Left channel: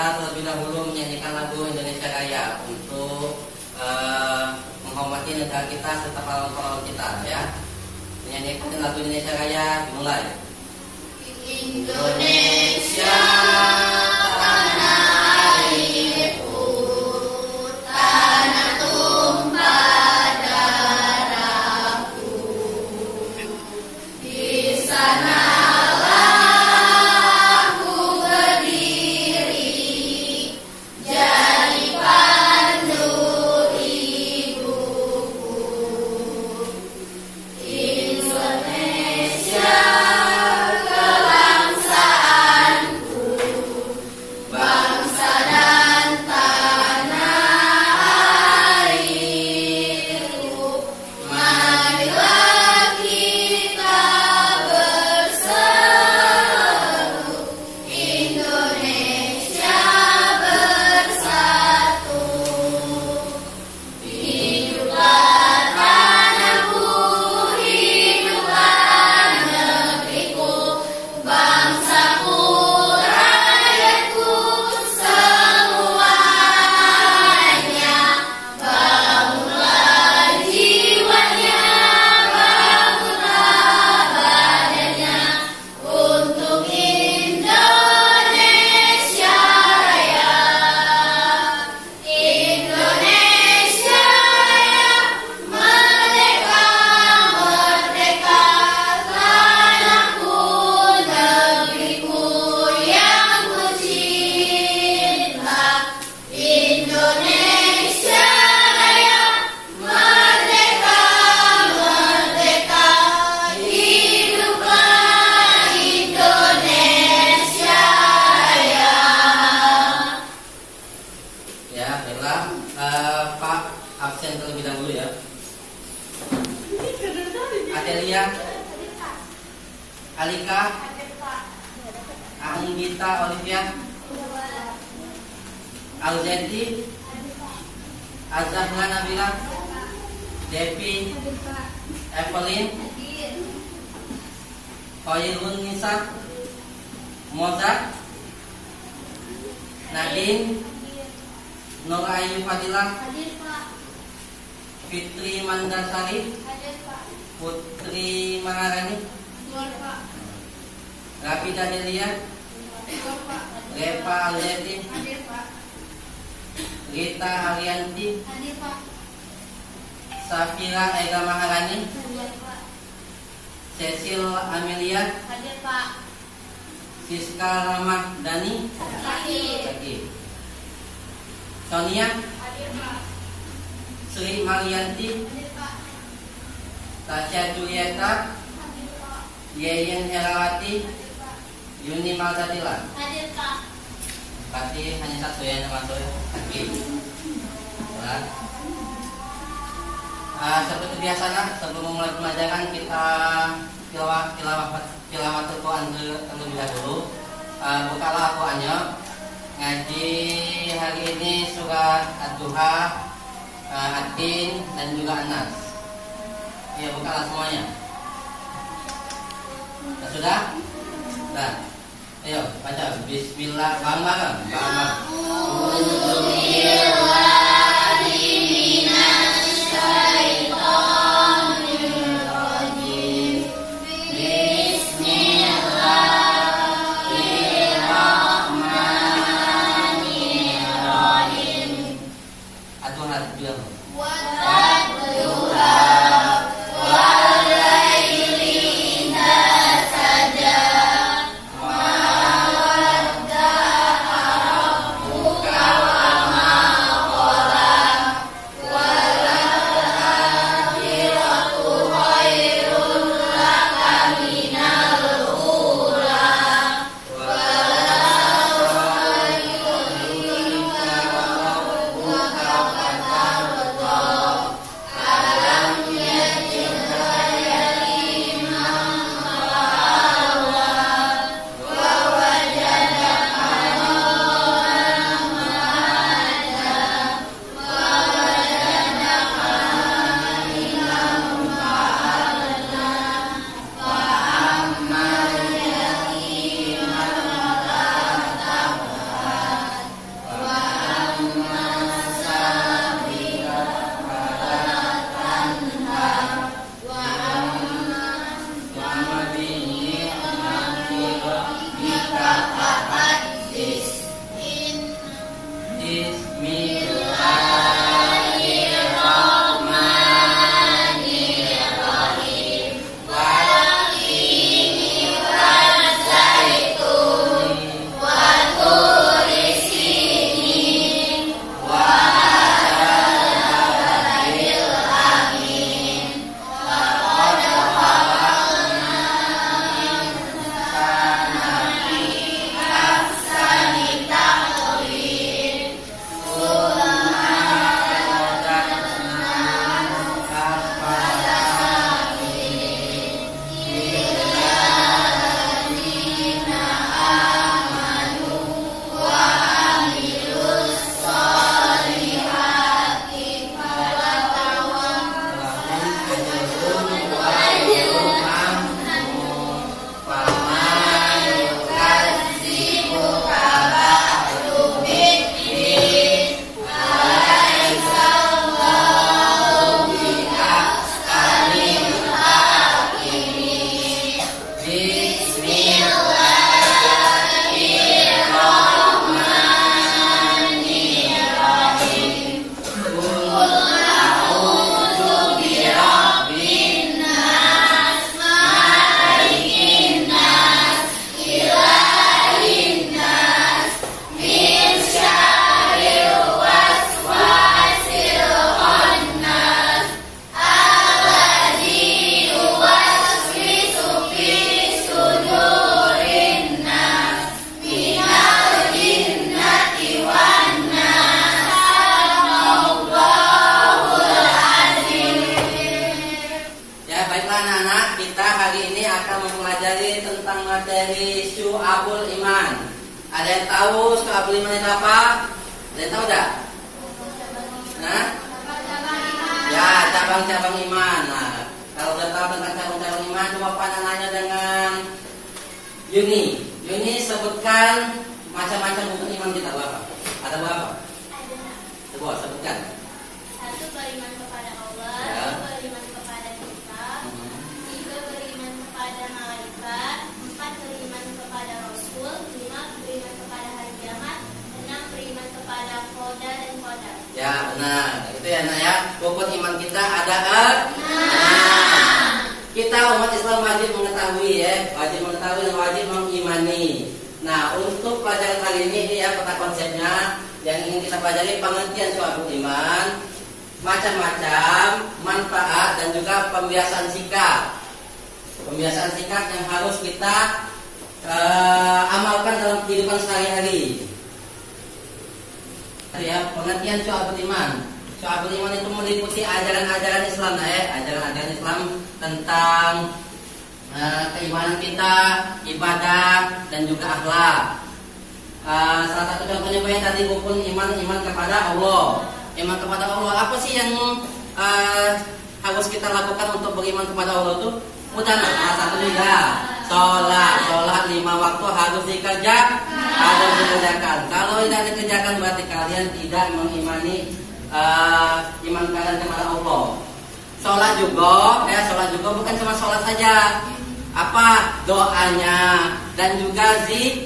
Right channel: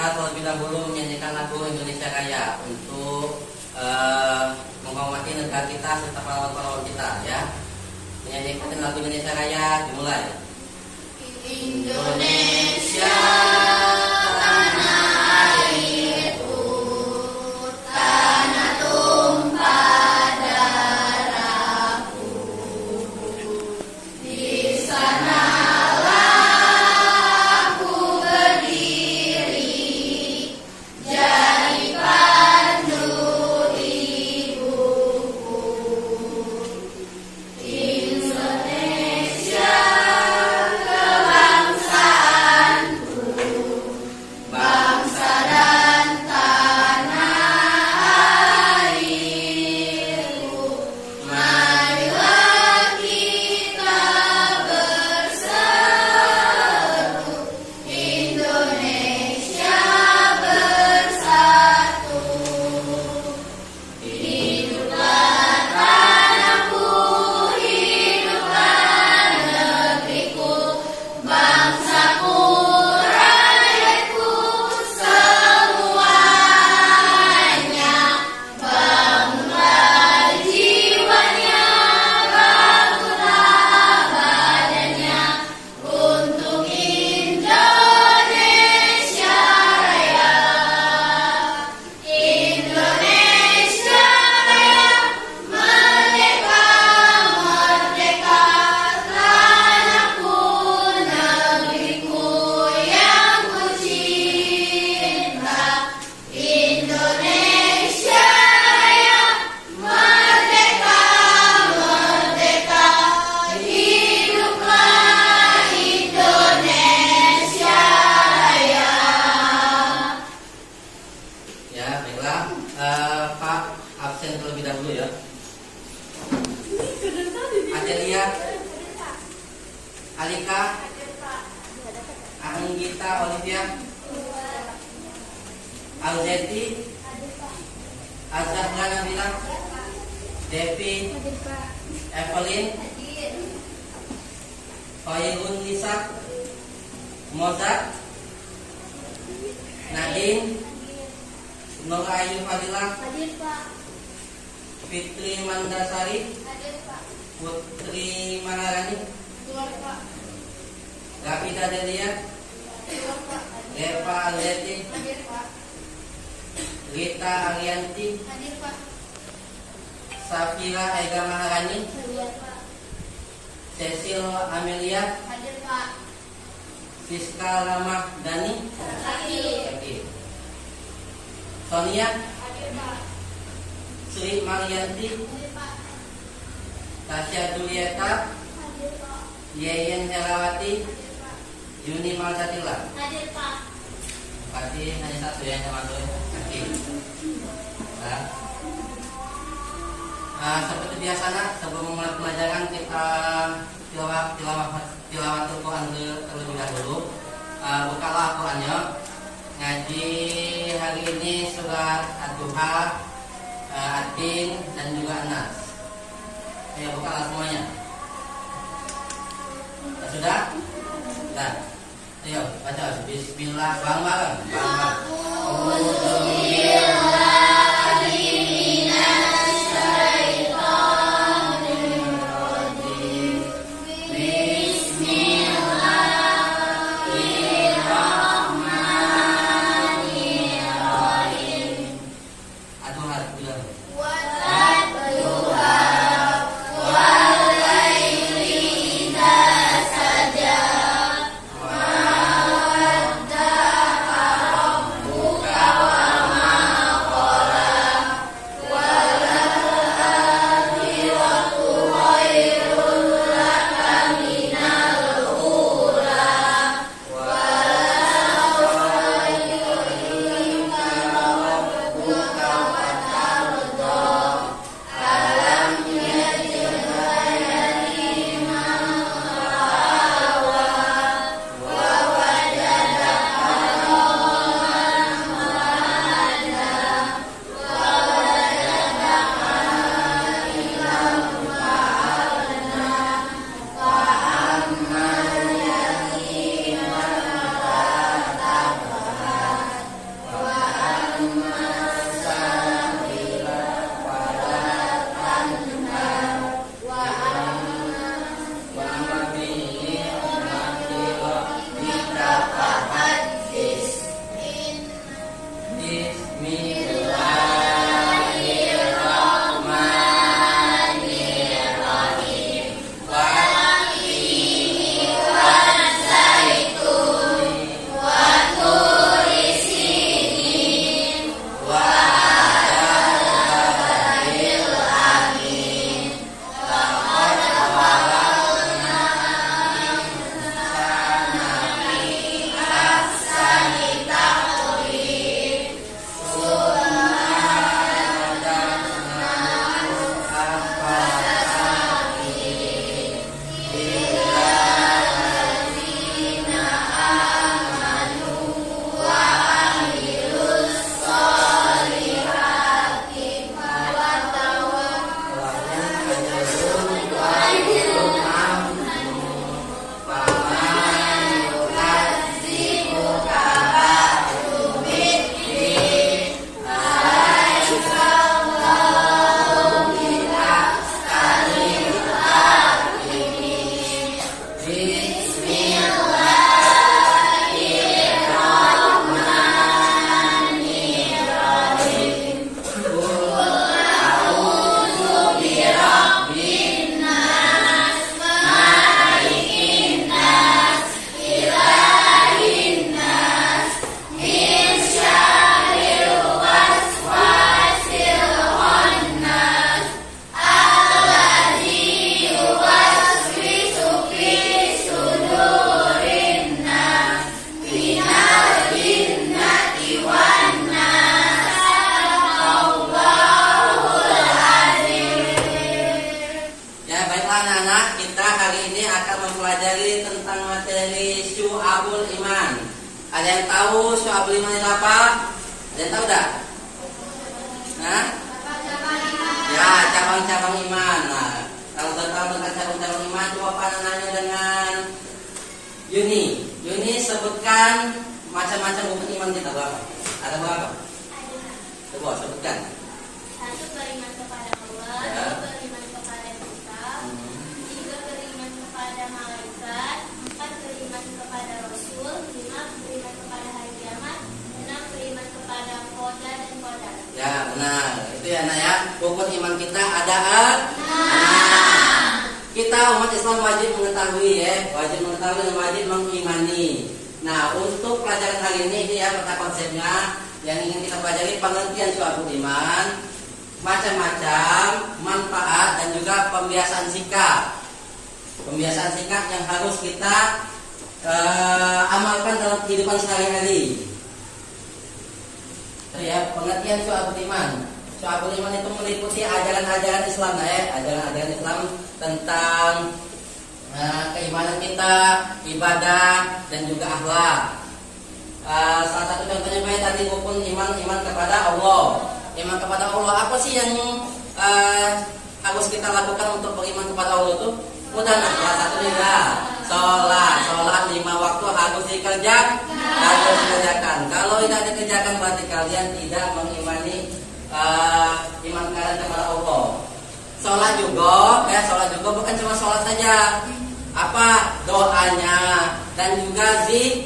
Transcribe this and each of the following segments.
kita terlebih dahulu menyanyikan lagu Indonesia Raya untuk menghormati negara kita serta pahlawan-pahlawan kita ya. Menyanyikan lagu Indonesia Raya dimulai. Indonesia Alika, Anggita, Olivia, Alzeti, Azahra Nabila, Devi, Evelyn, Khairun Nisa, Mozart, Nadine, Nur Ayu Fadilah, Fitri Mandasari, Putri Maharani, Rapida Delia, Reva Alzeti, Rita Arianti, Safira Ega Maharani, Cecil Amelia, Siska Ramah Dani, Sonia, Sri Marianti, Tasya Julieta, Yeyen Herawati, Yuni Malsatila. Berarti hanya satu yang termasuk lagi. Seperti biasa, sebelum memulai pelajaran kita tilawah Al-Quran terlebih dahulu. Bukalah Al-Qurannya. Ngaji hari ini surat Ad-Duha, Ad-Din dan juga An-Nas. Ya, bukalah semuanya. Sudah? Nah, ayo baca Bismillah bareng-bareng. syu'abul iman. Ada yang tahu syu'abul iman itu apa? Ada yang tahu enggak? Nah? Ya, cabang-cabang iman. Nah, kalau sudah tahu tentang cabang-cabang iman, coba Pak nanya dengan Yuni. Yuni sebutkan macam-macam rukun iman kita berapa? Ada berapa? Coba sebutkan. 1 beriman kepada Allah, Ya. 2 beriman kepada kitab, 3 beriman kepada malaikat, 4 beriman kepada Rasul, 5 beriman kepada hari kiamat, 6 beriman kepada qada dan qadar. Ya, benar. Itu ya, Nak ya. Rukun iman kita ada kita umat Islam wajib mengetahui ya, wajib mengetahui dan wajib mengimani. Nah, untuk pelajaran kali ini ya peta konsepnya yang ingin kita pelajari pengertian syu'abul iman, macam-macam manfaat dan juga pembiasaan sikap. Pembiasaan sikap yang harus kita amalkan dalam kehidupan sehari-hari. Ya, pengertian syu'abul iman. Syu'abul iman itu meliputi ajaran-ajaran Islam ya, ajaran-ajaran Islam tentang keimanan kita, ibadah dan juga akhlak. Salah satu contohnya banyak tadi rukun iman kepada Allah. Iman kepada Allah apa sih yang harus kita lakukan untuk beriman kepada Allah itu? Udah, salah satunya ya sholat 5 waktu harus dikerjakan. Kalau tidak dikerjakan berarti kalian tidak mengimani iman kalian kepada Allah. Sholat juga bukan cuma sholat saja, apa doanya dan juga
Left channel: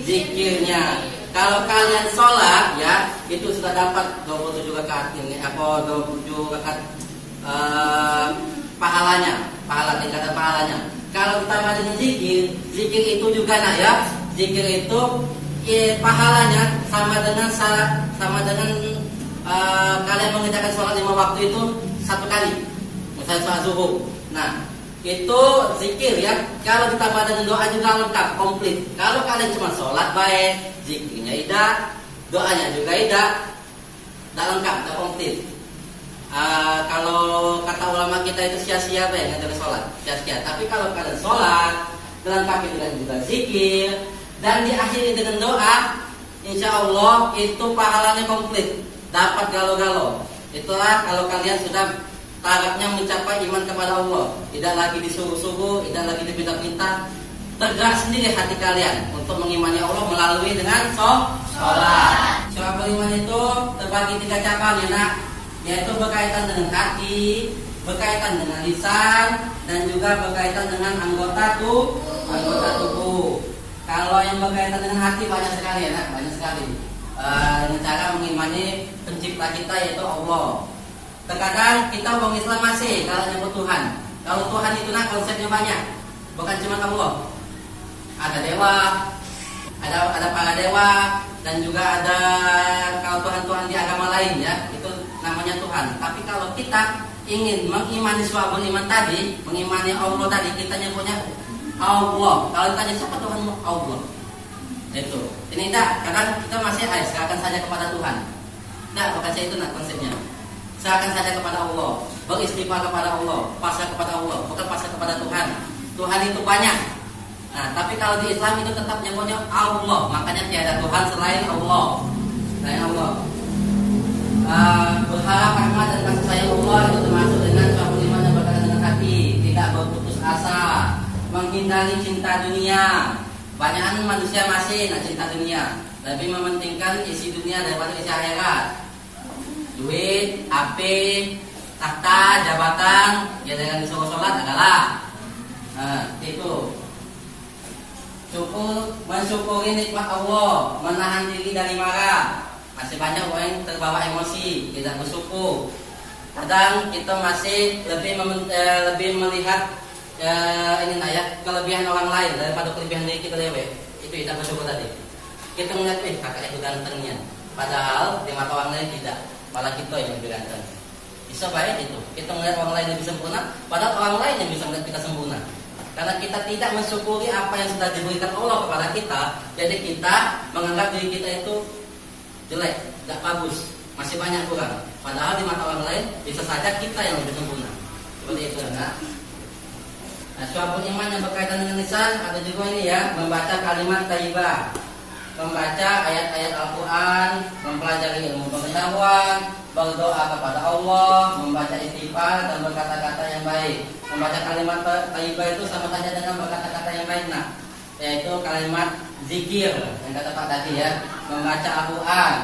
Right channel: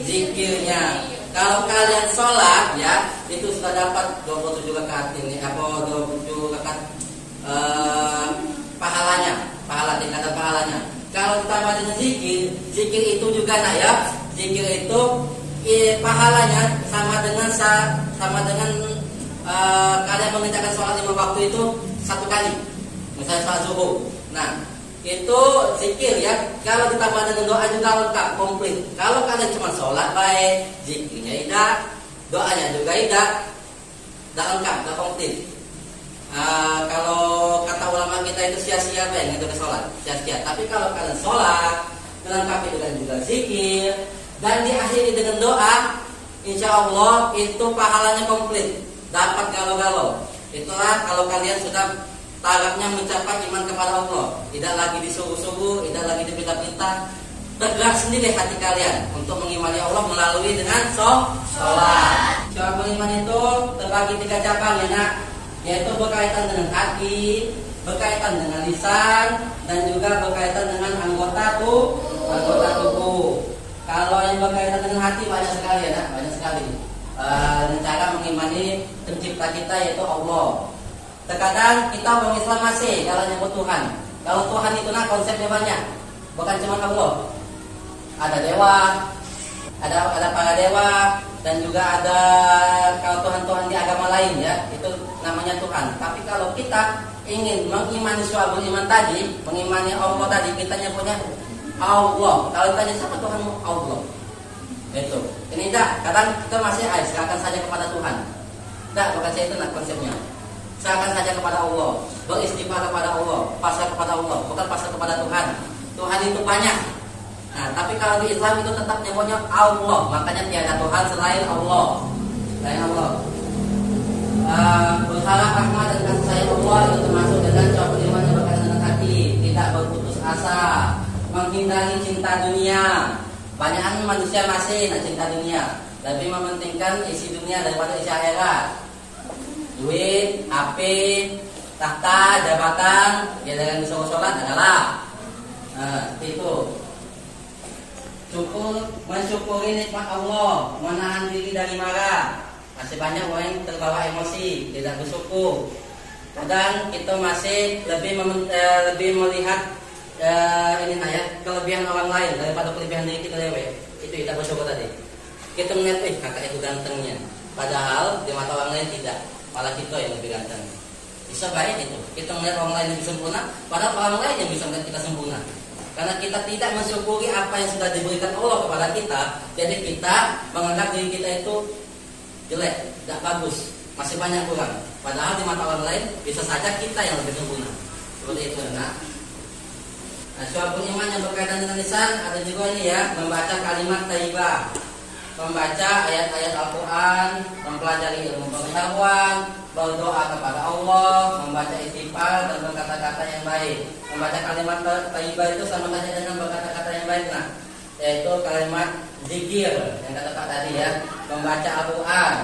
zikirnya. Kalau kalian sholat ya itu sudah dapat 27 rakaat ini, 27 rakaat tingkatan pahalanya. Kalau ditambah dengan zikir itu juga nak ya, zikir itu pahalanya sama dengan kalian mengerjakan sholat 5 waktu itu 1 kali. Misalnya sholat zuhur. Nah, itu zikir ya. Kalau ditambah dengan doa juga lengkap, komplit. Kalau kalian cuma sholat baik, zikirnya tidak, doanya juga tidak lengkap, tidak komplit. Kalau kata ulama kita itu sia-sia baik itu sholat, sia-sia. Tapi kalau kalian sholat, lengkapi dengan juga zikir dan diakhiri dengan doa, insya Allah itu pahalanya komplit, dapat galau-galau. Itulah kalau kalian sudah tarafnya mencapai iman kepada Allah, tidak lagi disuruh-suruh, tidak lagi dipinta-pinta, tegak sendiri hati kalian untuk mengimani Allah melalui dengan sholat. Syu'abul iman itu terbagi 3 cabang ya nak, yaitu berkaitan dengan hati, berkaitan dengan lisan, dan juga berkaitan dengan anggota tubuh. Kalau yang berkaitan dengan hati banyak sekali ya nak, banyak sekali. Dengan cara mengimani pencipta kita yaitu Allah. Terkadang kita orang Islam masih kalau nyebut Tuhan. Kalau Tuhan itu nah konsepnya banyak, bukan cuma Allah. Ada dewa, ada para dewa, dan juga ada kalau Tuhan-Tuhan di agama lain ya, itu namanya Tuhan. Tapi kalau kita ingin mengimani syu'abul iman tadi, mengimani Allah tadi, kita nyebutnya Allah. Kalau ditanya siapa Tuhanmu? Allah. Itu. Ini enggak, kadang kita masih serahkan saja kepada Tuhan. Enggak, bukan saya itu nah konsepnya. Serahkan saja kepada Allah, beristighfar kepada Allah, pasrah kepada Allah, bukan pasrah kepada Tuhan. Tuhan itu banyak. Nah, tapi kalau di Islam itu tetap nyebutnya Allah, makanya tiada Tuhan selain Allah. Berharap rahmat dan kasih sayang Allah itu termasuk dengan syu'abul iman yang berkaitan dengan hati, tidak berputus asa, menghindari cinta dunia. Banyakan manusia masih cinta dunia, lebih mementingkan isi dunia daripada isi akhirat. Duit, HP, tahta, jabatan, ya dengan disuruh sholat adalah itu. Mensyukuri nikmat Allah, menahan diri dari marah. Masih banyak orang yang terbawa emosi, tidak bersyukur. Kadang kita masih lebih melihat ini nah ya, kelebihan orang lain daripada kelebihan diri kita sendiri. Itu tidak bersyukur tadi. Kita melihat kakak itu gantengnya, padahal di mata orang lain tidak. Malah kita yang lebih ganteng. Bisa baik itu. Kita melihat orang lain yang lebih sempurna, padahal orang lain yang bisa melihat kita sempurna. Karena kita tidak mensyukuri apa yang sudah diberikan Allah kepada kita, jadi kita menganggap diri kita itu jelek, tidak bagus, masih banyak kurang. Padahal di mata orang lain bisa saja kita yang lebih sempurna. Seperti itu, nah. Nah, syu'abul iman yang berkaitan dengan lisan ada juga ini ya, membaca kalimat thayyibah, membaca ayat-ayat Al-Quran, mempelajari ilmu pengetahuan, berdoa kepada Allah, membaca istighfar dan berkata-kata yang baik. Membaca kalimat thayyibah itu sama saja dengan berkata-kata yang baik, nah, yaitu kalimat zikir yang kata Pak tadi ya, membaca Al-Quran,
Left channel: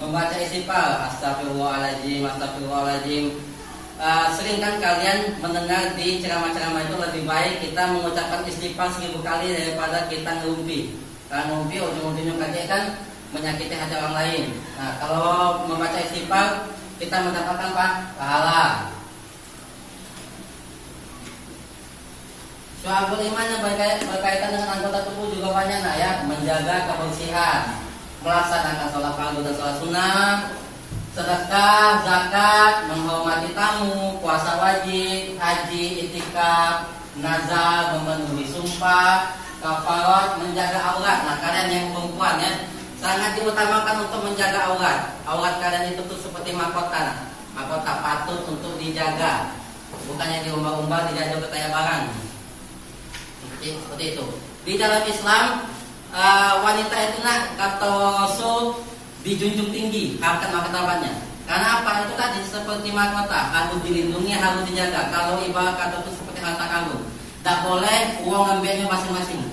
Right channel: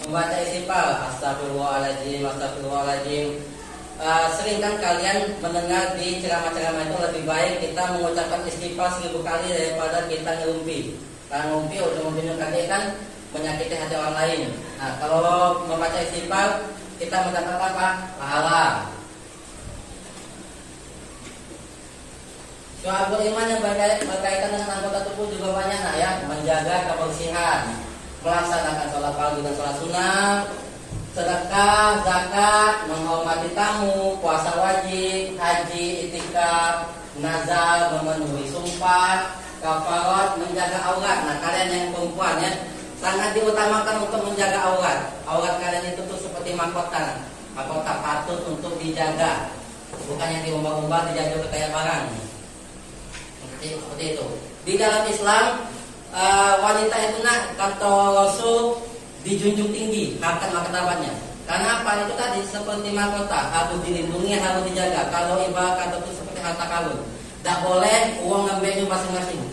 membaca istighfar, astagfirullahaladzim, astagfirullahaladzim. Sering kan kalian mendengar di ceramah-ceramah itu lebih baik kita mengucapkan istighfar 1000 kali daripada kita ngerumpi. Karena ngumpi ujung-ujungnya nanti kan menyakiti hati orang lain. Nah, kalau membaca istighfar kita mendapatkan apa? Pahala. Syu'abul iman yang berkaitan dengan anggota tubuh juga banyak, nah ya, menjaga kebersihan, melaksanakan sholat fardu dan sholat sunnah, sedekah, zakat, menghormati tamu, puasa wajib, haji, itikaf, nazar, memenuhi sumpah, kafarat, menjaga aurat. Nah, kalian yang perempuan ya, sangat diutamakan untuk menjaga aurat. Aurat kalian itu tuh seperti mahkota. Mahkota patut untuk dijaga. Bukannya diumbar-umbar, dijajah kayak barang. Seperti itu. Di dalam Islam, wanita itu kata Rasul dijunjung tinggi harkat martabatnya. Karena apa? Itu tadi seperti mahkota, harus dilindungi, harus dijaga. Kalau ibarat kata itu seperti harta karun, tidak boleh uang lembeknya masing-masing,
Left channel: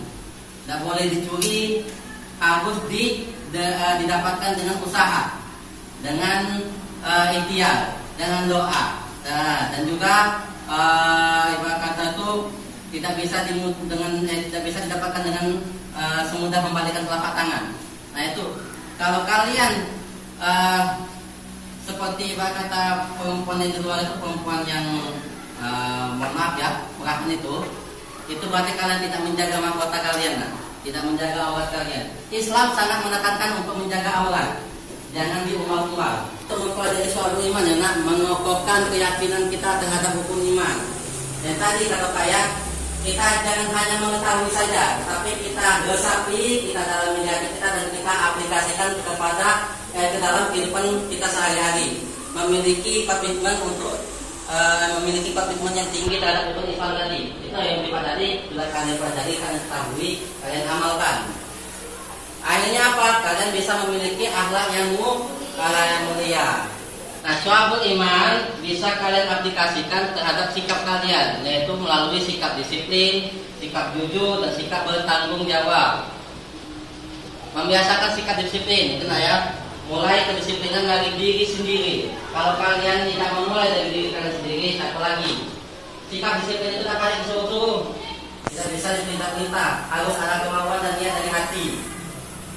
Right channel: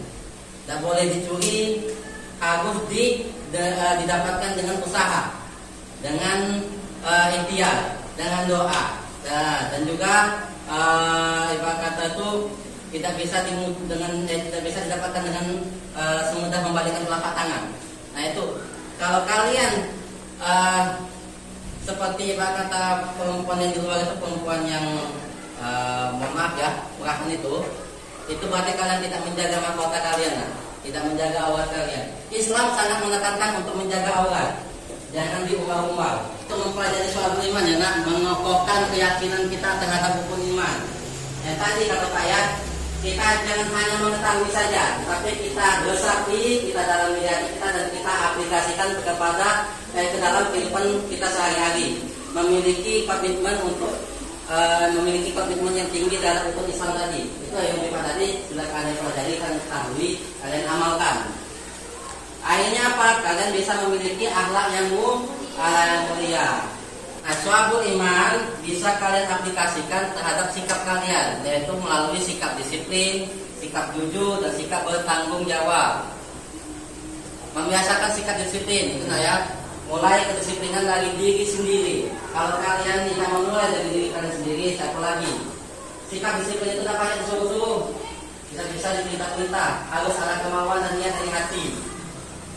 tidak boleh dicuri, harus didapatkan dengan usaha, dengan ikhtiar, dengan doa. Nah, dan juga ibarat kata itu tidak bisa didapatkan dengan semudah membalikan telapak tangan. Nah itu. Kalau kalian seperti kata perempuan yang di luar itu perempuan yang mohon maaf ya, perahan itu berarti kalian tidak menjaga mahkota kalian, nah, tidak menjaga aurat kalian. Islam sangat menekankan untuk menjaga aurat, jangan diumbar-umbar. Untuk mempelajari soal iman ya, nak, mengokohkan keyakinan kita terhadap rukun iman. Dan tadi kata Pak ya, kita jangan hanya mengetahui saja, tapi kita resapi, kita dalami hati kita dan kita aplikasikan kepada ke dalam kehidupan kita sehari-hari. Memiliki komitmen untuk memiliki komitmen yang tinggi terhadap rukun Islam tadi. Itu yang kita tadi sudah kalian pelajari, kalian ketahui, kalian amalkan. Akhirnya apa? Kalian bisa memiliki akhlak yang mulia. Nah, syu'abul iman bisa kalian aplikasikan terhadap sikap kalian, yaitu melalui sikap disiplin, sikap jujur, dan sikap bertanggung jawab. Membiasakan sikap disiplin, itu ya, mulai kedisiplinan dari diri sendiri. Kalau kalian tidak memulai dari diri kalian sendiri, siapa lagi? Sikap disiplin itu apa yang disuruh-suruh? Tidak bisa diperintah-perintah, harus ada kemauan dan niat dari hati.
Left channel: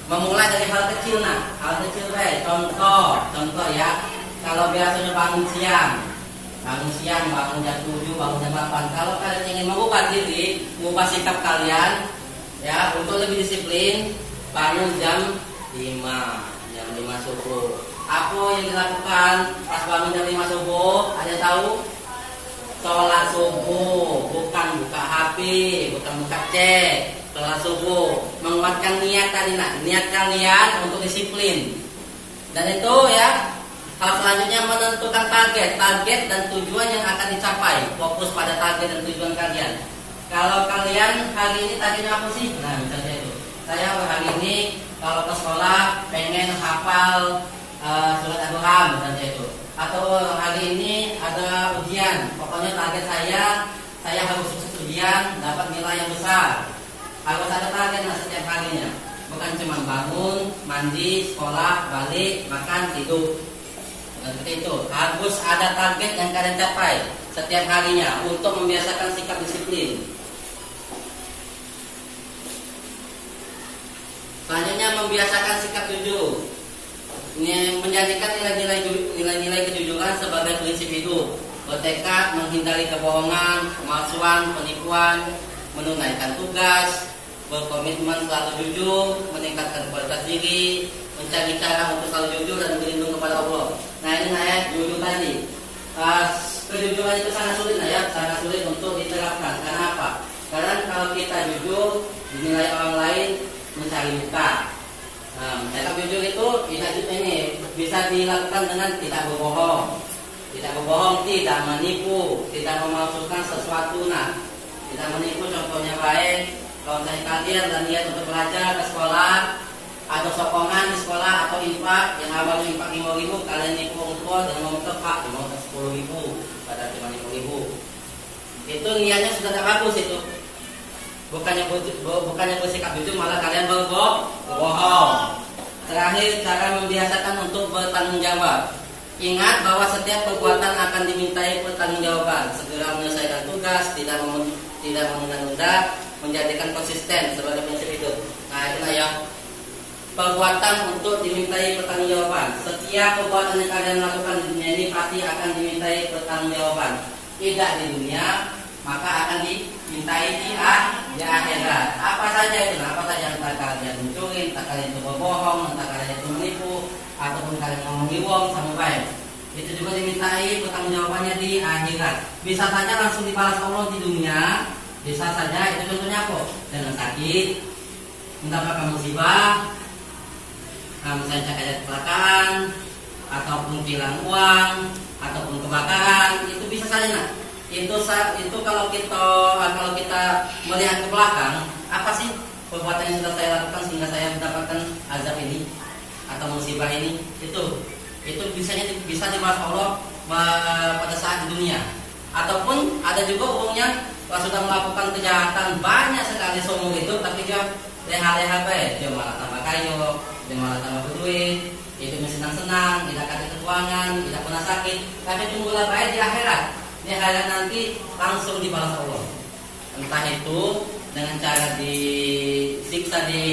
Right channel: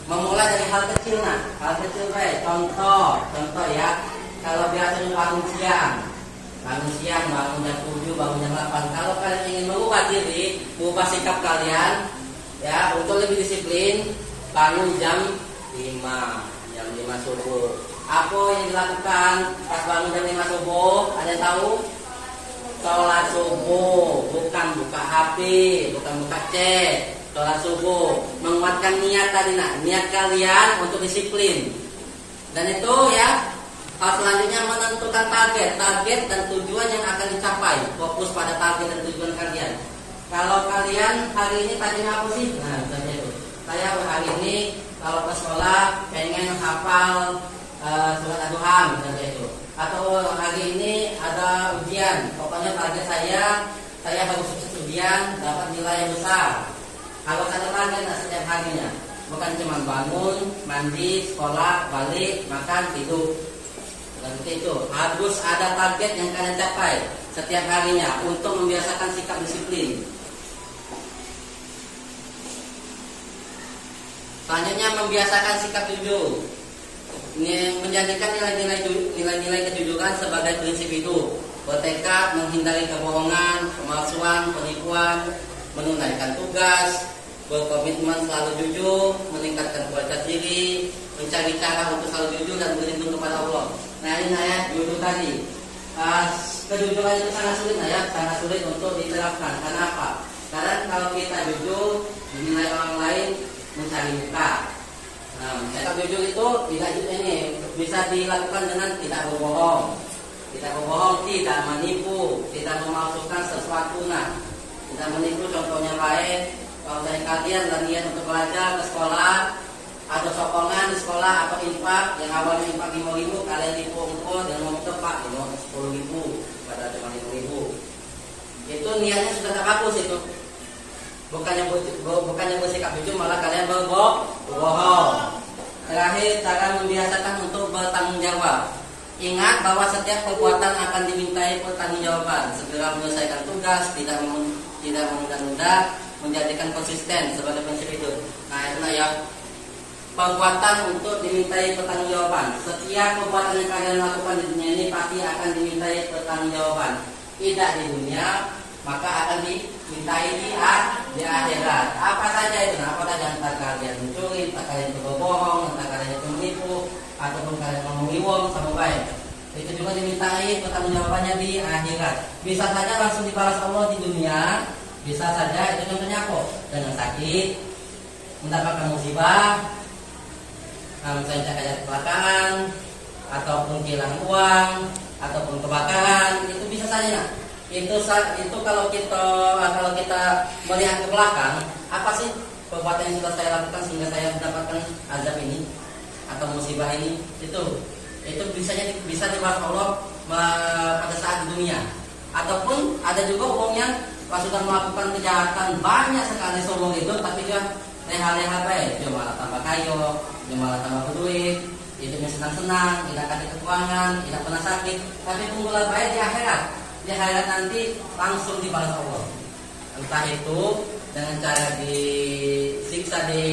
Memulai dari hal kecil, hal kecil baik. Contoh ya. Kalau biasanya bangun siang, bangun jam 7, bangun jam 8. Kalau kalian ingin mengubah diri, mengubah sikap kalian, ya, untuk lebih disiplin, bangun jam 5 subuh. Apa yang dilakukan pas bangun jam 5 subuh? Ada yang tahu? Sholat subuh, bukan buka HP, bukan buka chat. Sholat subuh, menguatkan niat tadi, niat kalian untuk disiplin. Dan itu ya. Hal selanjutnya menentukan target dan tujuan yang akan dicapai. Fokus pada target dan tujuan kalian. Kalau kalian hari ini targetnya apa sih? Nah, misalnya itu. Saya hari ini kalau ke sekolah pengen hafal surat Al-Quran, misalnya itu. Atau hari ini ada ujian. Pokoknya target saya harus sukses ujian, dapat nilai yang besar. Harus ada target setiap harinya. Bukan cuma bangun, mandi, sekolah, balik, makan, tidur. Seperti itu, harus ada target yang kalian capai setiap harinya untuk membiasakan sikap disiplin. Selanjutnya membiasakan sikap jujur, menjadikan nilai-nilai kejujuran sebagai prinsip hidup. Bertekad menghindari kebohongan, pemalsuan, penipuan, menunaikan tugas, berkomitmen selalu jujur, meningkatkan kualitas diri, mencari cara untuk selalu jujur dan berlindung kepada Allah. Nah ini jujur tadi. Kejujuran itu sangat sulit sangat sulit untuk diterapkan. Karena apa? Karena kalau kita jujur dinilai orang lain mencari muka. Sikap jujur itu bisa dilakukan dengan tidak berbohong, tidak menipu, tidak memalsukan sesuatu. Tidak menipu contohnya baik. Kalau dari kalian dan niat untuk belajar ke sekolah atau sokongan di sekolah atau infak yang awalnya infak 5.000 kalian dikumpul dengan membentuk pak mau ke 10.000 pada cuma 5.000. Itu niatnya sudah tak bagus itu. Bukannya bersikap jujur malah kalian berbohong. Terakhir, cara membiasakan untuk bertanggung jawab. Ingat bahwa setiap perbuatan akan dimintai pertanggungjawaban. Segera menyelesaikan tugas, tidak menunda-nunda, menjadikan konsisten sebagai prinsip itu. Nah, itulah yang perbuatan untuk dimintai pertanggungjawaban. Setiap perbuatan yang kalian lakukan di dunia ini pasti akan dimintai pertanggungjawaban. Tidak di dunia, maka akan dimintai di akhirat. Apa saja itu? Apa saja, entah kalian mencuri, entah kalian itu berbohong, entah kalian itu menipu, ataupun kalian mengiwong sama baik. Itu juga dimintai pertanggungjawabannya di akhirat. Bisa saja langsung dibalas Allah di dunia, bisa saja itu contohnya apa? Dengan sakit, mendapatkan musibah, misalnya kayak kecelakaan, ataupun kehilangan uang, ataupun kebakaran, itu bisa saja. Nah, itu kalau kita melihat ke belakang, apa sih perbuatan yang sudah saya lakukan sehingga saya mendapatkan azab ini atau musibah ini? Itu bisa dibalas Allah pada saat di dunia. Ataupun ada juga orangnya sudah melakukan kejahatan banyak sekali seumur hidup, tapi dia leha-leha baik, dia malah tambah kaya, dia malah tambah berduit, hidupnya senang-senang, tidak kasih kekurangan, tidak pernah sakit. Tapi tunggulah baik di akhirat. Di akhirat nanti langsung dibalas Allah. Entah itu dengan cara disiksa di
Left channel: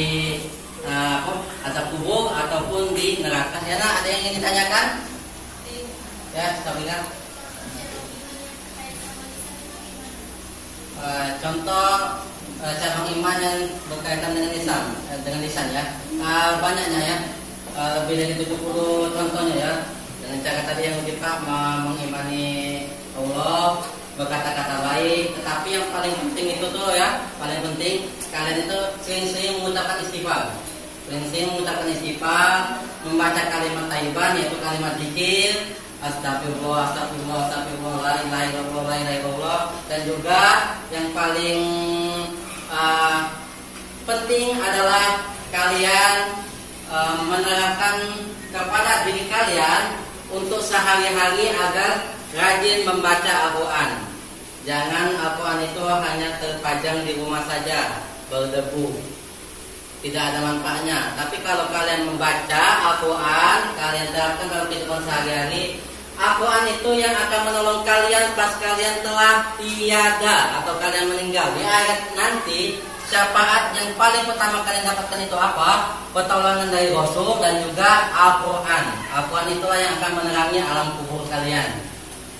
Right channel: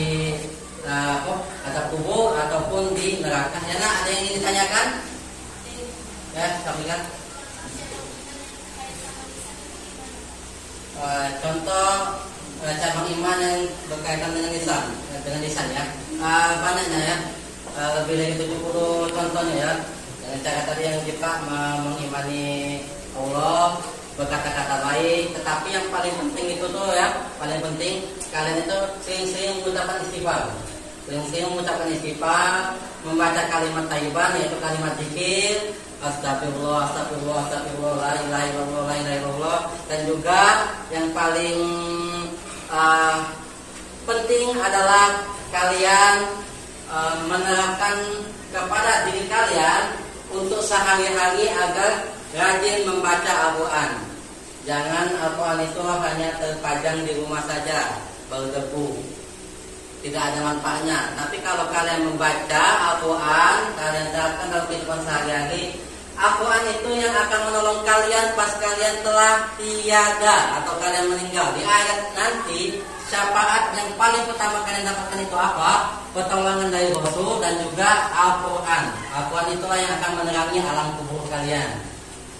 azab kubur ataupun di neraka. Ya, nah, ada yang ingin ditanyakan? Ya, Sabila. Contoh cabang iman yang berkaitan dengan lisan ya. Banyaknya ya. Lebih dari 70 contohnya ya. Dengan cara tadi yang kita mengimani Allah, berkata-kata baik, tetapi yang paling penting itu tuh ya, paling penting kalian itu sering-sering mengucapkan istighfar. Sering-sering mengucapkan istighfar, membaca kalimat thayyiban yaitu kalimat zikir, astagfirullah, astagfirullah, astagfirullah, la ilaha illallah, la ilaha illallah. Dan juga yang paling penting adalah kalian menerapkan kepada diri kalian untuk sehari-hari agar rajin membaca Al-Quran. Jangan Al-Quran itu hanya terpajang di rumah saja, berdebu, tidak ada manfaatnya. Tapi kalau kalian membaca Al-Quran, kalian terapkan dalam kehidupan sehari-hari, Al-Quran itu yang akan menolong kalian pas kalian telah tiada atau kalian meninggal. Di akhirat nanti, syafaat yang paling pertama kalian dapatkan itu apa? Pertolongan dari Rasul dan juga Al-Quran. Al-Quran itulah yang akan menerangi alam kubur kalian.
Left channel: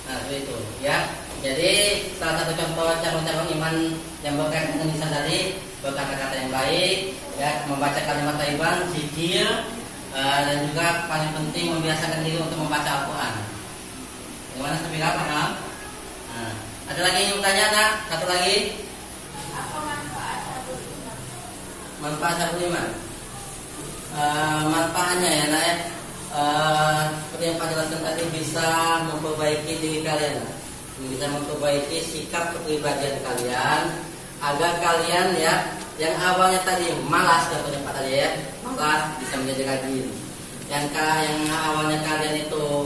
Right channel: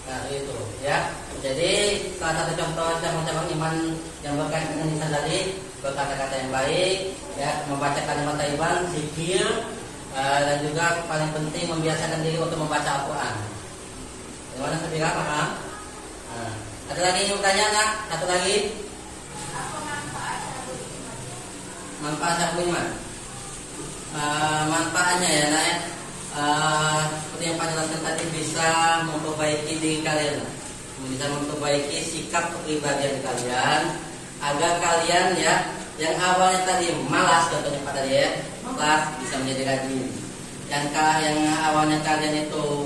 Nah, itu ya. Jadi salah satu contoh cabang-cabang iman yang berkaitan dengan lisan tadi, berkata-kata yang baik, ya, membaca kalimat thayyiban, zikir, dan juga paling penting membiasakan diri untuk membaca Al-Quran. Gimana Sabila, paham? Nah, ada lagi yang bertanya nggak? Satu lagi. Manfaat cabang iman. Manfaatnya ya, nak ya. Seperti yang Pak jelaskan tadi, bisa memperbaiki diri kalian, bisa memperbaiki sikap kepribadian kalian agar kalian ya yang awalnya tadi malas, contohnya Pak tadi ya, malas bisa menjadi rajin. Yang awalnya kalian itu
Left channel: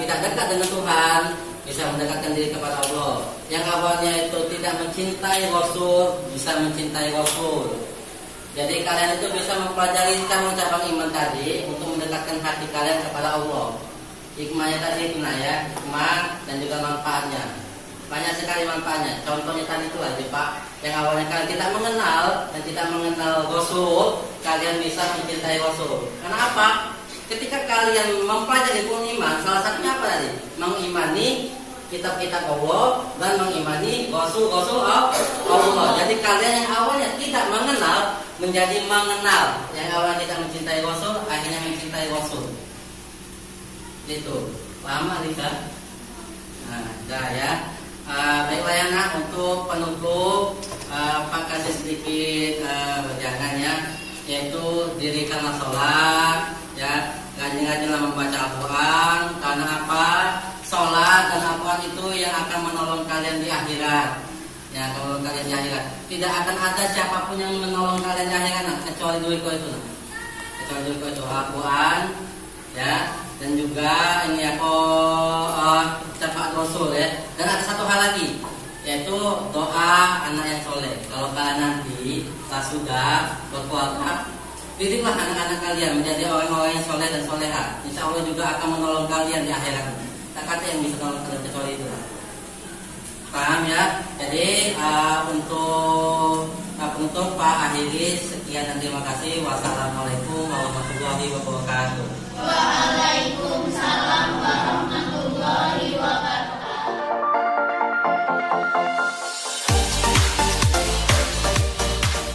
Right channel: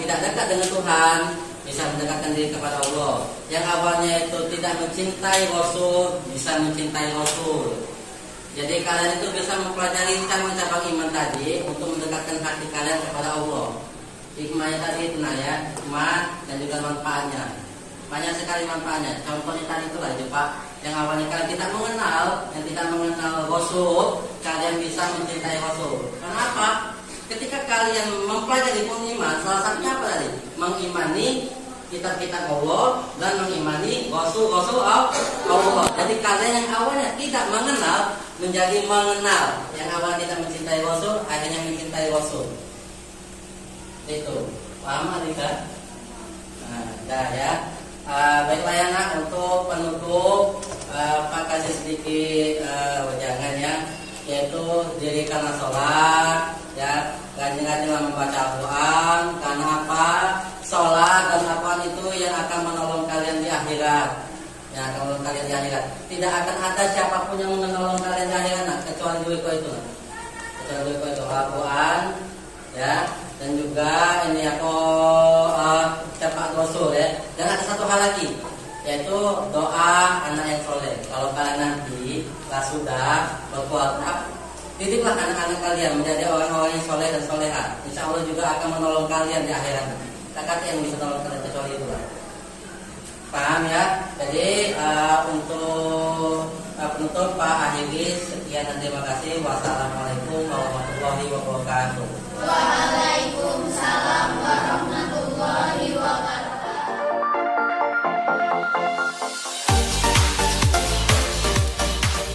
tidak dekat dengan Tuhan bisa mendekatkan diri kepada Allah. Yang awalnya itu tidak mencintai Rasul bisa mencintai Rasul. Jadi kalian itu bisa mempelajari cabang-cabang iman tadi untuk mendekatkan hati kalian kepada Allah. Hikmahnya tadi itu ya, hikmah dan juga manfaatnya. Banyak sekali manfaatnya. Contohnya tadi itulah Pak, yang awalnya kalian tidak mengenal Rasul, kalian bisa mencintai Rasul. Kenapa? Ketika kalian mempelajari iman, salah satunya apa tadi? Mengimani kitab-kitab Allah dan mengimani Rasul-Rasul Allah. Jadi kalian yang awalnya tidak mengenal menjadi mengenal. Yang awalnya tidak mencintai Rasul akhirnya mencintai Rasul. Itu paham Alika? Nah, dah ya. Baiklah ya nak, untuk penutup Pak kasih sedikit jangan ya, yaitu dirikanlah sholat ya, rajin-rajinlah membaca Al-Quran. Karena apa? Sholat dan Al-Quran itu yang akan menolong kalian di akhirat yang akan menolong kalian di akhirat. Tidak akan ada siapapun yang menolong kalian di akhirat kecuali duitku itu. Kecuali duitku itu Al-Quran, ya, dan juga ini aku syafaat Rasul ya. Dan ada satu hal lagi, yaitu doa anak yang soleh. Kalau kalian nanti sudah berkeluarga, didiklah anak-anak kalian menjadi orang-orang yang soleh dan soleha. Insya Allah juga akan menolong kalian di akhirat. Tak kata yang bisa menolong kalian kecuali itu. Paham ya? Jadi untuk penutup Pak akhiri sekian dan terima kasih. Wassalamualaikum warahmatullahi wabarakatuh. Waalaikumsalam warahmatullahi wabarakatuh.